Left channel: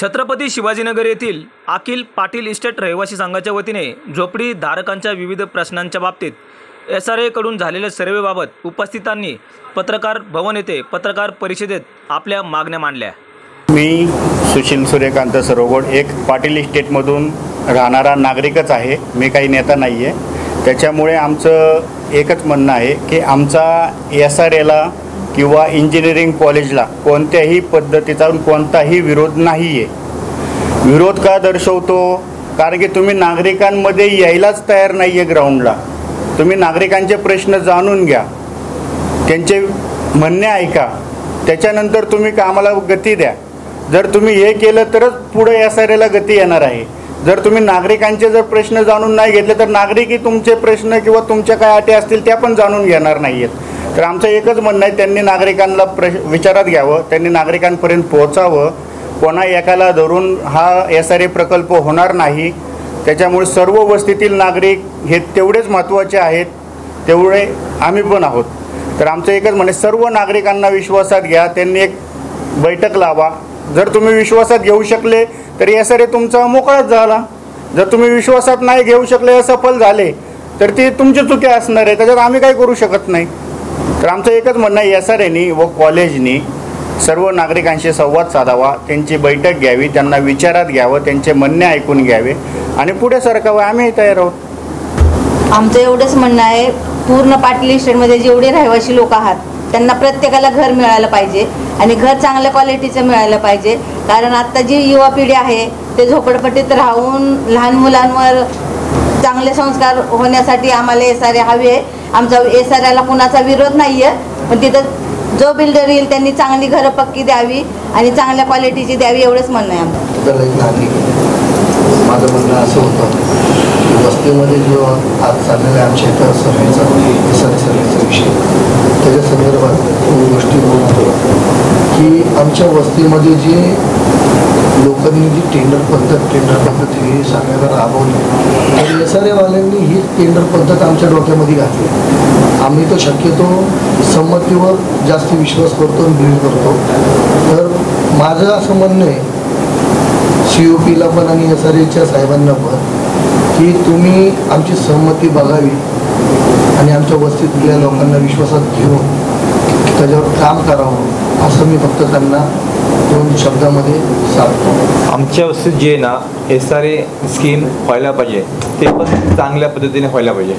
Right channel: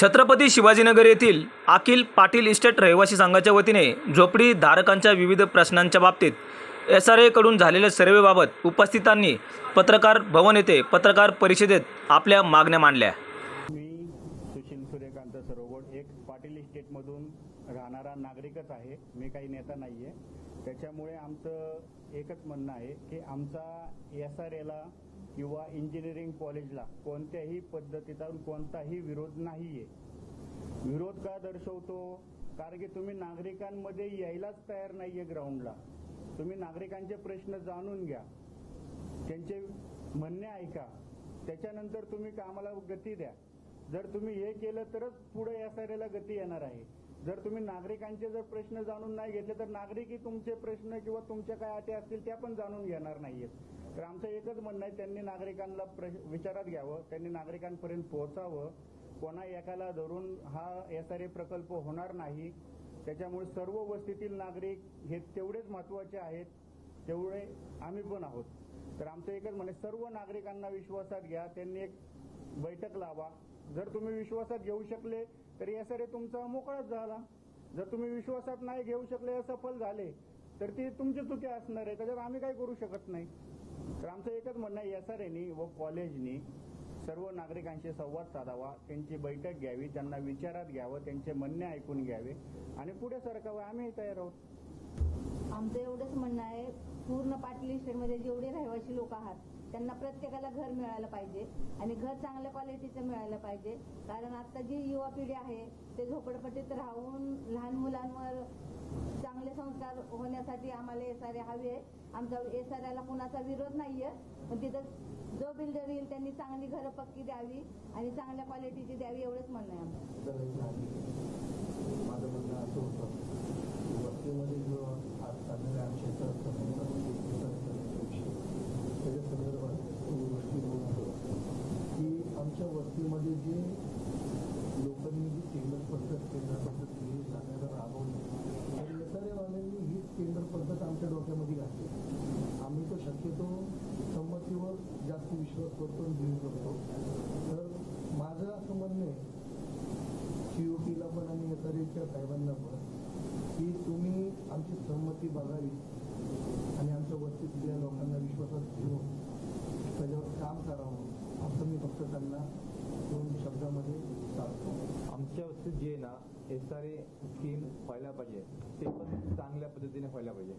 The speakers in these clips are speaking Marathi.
छत्रपती शिवाजीनगर येथील अखिल पाटील इस्टेट रहिवासी संघाच्या वतीने झोपडी धारकांच्या विविध प्रश्नांच्या बाबतीत SRA कडून झालेल्या सर्वेबाबत उपस्थितांनी पत्रकार भवन येथे पत्रकार परिषदेत आपल्या मागण्या मांडल्या। मी सुशील सूर्यकांत सरोगोड एक पाटील इस्टेटमधून राहणारा नागरिकच आहे। मी काही नेता नाही आहे। त्याच्यामुळे आमचं एकच म्हणणं आहे की आमचा SRAला किंवा इंजिनिअरिंग कॉलेजला कोणत्याही पद्धतीचा कोणताही विरोध नाही आहे। विरोध का दर्शवतो? कारण की तुम्ही नागरिकांमध्ये यायलाच तयार नाही आहे ग्राउंडला। तुम्ही नागरिकांचे प्रश्न जाणून घ्या, त्यांचे म्हणणे ऐका, त्याच्यानंतर तुम्ही कामाला गती द्या। जर तुम्ही हे केलं तरच पुढे SRAला गती येणार आहे। जर तुम्ही नागरिकांचे जर प्रश्न जाणून नाही घेतले तर नागरिकही तुमचे प्रश्न किंवा तुमच्या काय अटी असतील त्या पण जाणून घेणार नाहीत। तर आमचं एकच म्हणणं आहे, त्यांनी नागरिकांना विचारात घ्यावं, त्यांनी नागरिकांपर्यंत पोहोचावं। कोणा एकाला धरून हा SRA प्रकल्प होणार नाही। त्याच्यामुळे सर्व वस्तीतील नागरिक हे तेवढेच महत्त्वाचे आहेत, तेवढे आम्ही पण आहोत। तर आमचं एकच म्हणणं आहे, सर्व नागरिकांना विश्वासात घ्या, त्यांनी एक बैठक लावा। जर तुम्ही विश्वासात घेऊ शकले तर SRA तुमचा मोकळाच झाला। जर तुम्ही विश्वासात नाही घेऊ शकले, असफल झाले तर ती तुमची चुकी असणार आहे, त्याच्यात आम्ही काही करू शकत नाही। तर आमचं एकच म्हणणं आहे, SRAनी व कॉलेजनी सर्व नागरिकांशी संवाद साधावा, त्यांची बैठक घ्यावी, त्यांना विचारात घ्यावं, त्यांचे म्हणणे ऐकून घ्यावे आणि पुढे सरकावं। आम्ही तयार आहोत। आमचं एवढंच म्हणणं आहे, पूर्ण पाटील इस्टेटमध्ये जेवढे रहिवासी लोक आहात त्यांना प्रत्येकाला घर मिळालं पाहिजे आणि घर चांगल्या क्वालिटीचं मिळालं पाहिजे। कारण आत्ता जी युवा पिढी आहे ते झोपडपट्टीत राहून लहान मुलांवर चांगले संस्कार होण्यासाठी आम्हाला SRA हवे आहे। आमचा SRAला कुणाचा विरोध नाही आहे, पण तिथं जो बिल्डर येईल त्यांनी चांगली घरं पक्की द्यावी आणि चांगल्या क्वालिटीची द्यावी, एवढंच म्हणणं आहे आमचं। माझं म्हणणं असं होतं की वस्तीमध्ये जो आज चाललेला आमच्या इथं सर्वेचा विषय, त्याच्या संदर्भात दोन गोष्टी बोलतो की आमच्या वस्तीमध्ये जे लोकांनी जी टेंडर पद्धती सांगायला राबवली, तर SRAवाल्यांनी ही टेंडर पद्धत आमच्या डोक्यामध्ये घातली। आम्ही तो शक्यतो संमतीवर जास्त विश्वास करतो आणि बिलीव करतो। तर माझं असं म्हणणं आहे COPला पण आणि SRAच्या साहेबांना पण की तुम्ही आमची संमती बघावी आणि आमच्या वस्तीतल्या लोकांना विश्वासात घेऊन त्याच्यावर काम करावं, असं मी फक्त त्यांना दोन शब्दामध्ये सांगतो। आमच्या वस्तीत जे ना SRA स्कीम व्हायला पाहिजे, ते पण चांगल्या पद्धतीने व्हायला पाहिजे,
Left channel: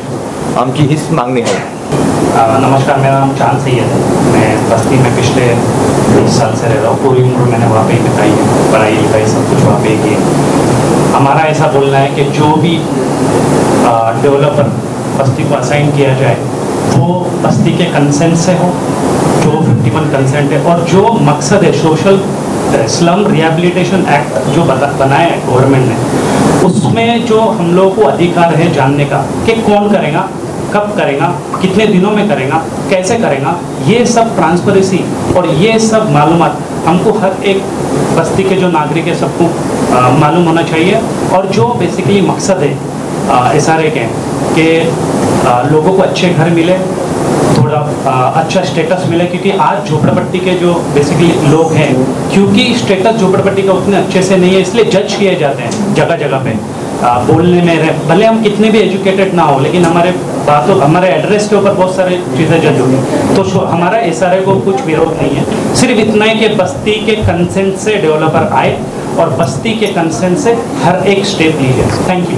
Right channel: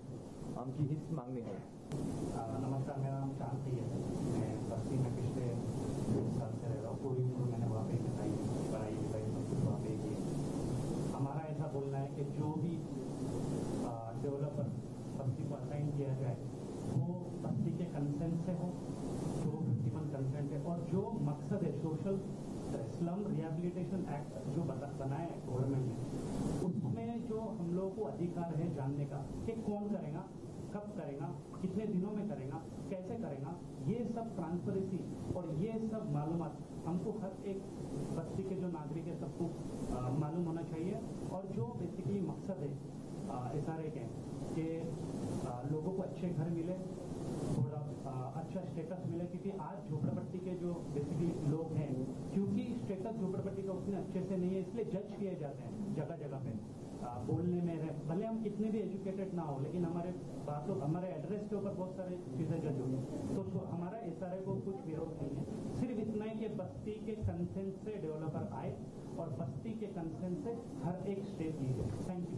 आमची हीच मागणी आहे। नमस्कार, मेरा नाम चांद सैयद है। मैं बस्ती में पिछले 20 साल से रह रहा हूँ। पूरी उम्र मैंने वहाँ पे बिताई है, पढ़ाई लिखाई सब कुछ वहाँ पे की। हमारा ऐसा बोलना है कि जो भी डेवलपर बस्ती को असाइन किया जाए वो बस्ती के कंसेंट से हो, जो 51 कंसेंट है, और जो मकसद है सोशल स्लम रिहेबिलिटेशन एक्ट जो बनाया है गवर्नमेंट ने, उसमें जो हम लोगों को अधिकार है जानने का कि कौन करेगा, कब करेगा, कितने दिनों में करेगा, कैसे करेगा, ये सब ट्रांसपेरेंसी और ये सब मालूमात हमको हर एक बस्ती के जो नागरिक है सबको मालूम होना चाहिए। और जो बेसिकली मकसद है SRA के कि लोगों को अच्छे घर मिले, थोड़ा अच्छा स्टेटस मिले, क्योंकि आज झोपड़पट्टी के जो बेसिकली लोग हैं, क्योंकि स्टेटस झोपड़पट्टी का उतने अच्छे से नहीं है, इसलिए जज किए जाते हैं जगह जगह पे बोलने में। भले हम कितने भी एजुकेटेड ना हो, लेकिन हमारे बातों हमारे एड्रेस के ऊपर बहुत सारी चीज़ें जज होगी। तो हमारा SRA को कुछ विरोध नहीं है, सिर्फ इतना ही कि बस्ती के कंसेंट से डेवलपर आए और बस्ती के कंसेंट से हर एक स्टेप लीजिए। Thank you.